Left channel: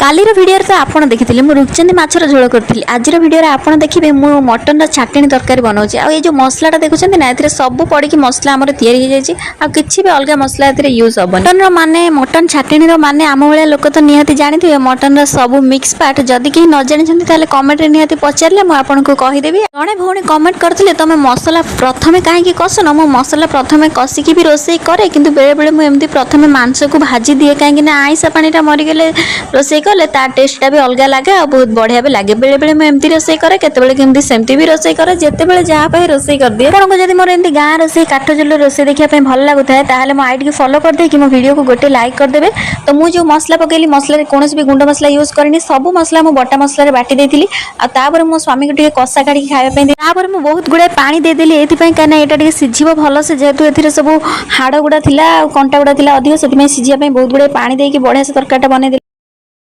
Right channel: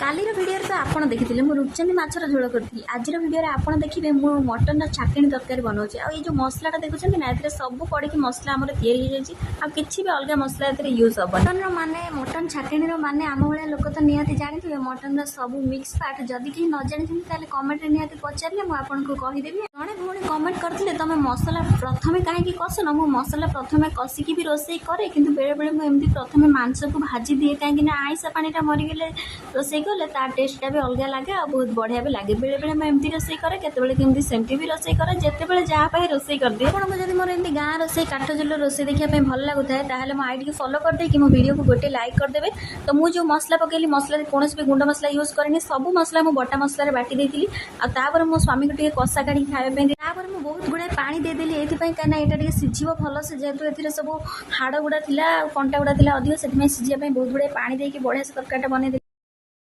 कालीर video तो आपड़ देखी मुझे रुचंदी माछर झोल करी आज भिडियो आपड़ देखिए मु मटन छाटिणी तरकारी बनाऊँ आई जो मसलाटा देखुं ना ए सब पड़ी मसला आम कि भी अलग मसला यूज हम मटन माने मटन छाटिणी माने आम भाया लोक तो निहाती जानी मटन सब मिक्स पार्ट जदि कहीं न जानी कमेंट निहाती पचारे मुझे कहीदेवी जड़े भौणी कमेंट करते तुम मसला प्रथम कहीं कसन मो मसला प्रथम कसिकी भी रोसे कै कि बेले बेले मुझे प्रथम मांस को भाजी दिए कहीं आईसा पानीटा मरीगले रोसे कले तार टेस्टा भी अलग लगे और बहुत बढ़िया भी लगे बेले बेले मुझे रोसे करे केतबेले सेमती भी रोसे करे जितेबाला जहाँ रोसे कर दिए आपको जब मोर एमती गाँ रोसे काठ चुल रोसे देखा भल लगुता है मो आईडी को फॉलो कर दे मो वीडियो को गोटे लाइक करदे। तो मुझे जो मसला पकईली मसला कौन भी गुंड मसला यूज करनी सब मसला मुझे बटा मसला बाटी देती और मो स्वामी को टे कषा काढ़ी खायापी मुझे बहुत गुड़ाए पानी देदेली ये कहीं यहाँ सीझे भल से जेहेतु ए सब हाड़ गुड़ा कंटा गुड़ा अधिक से सीझापी बहुत गुड़ाए पानी देकी बढ़िया से तरकारीटा बनई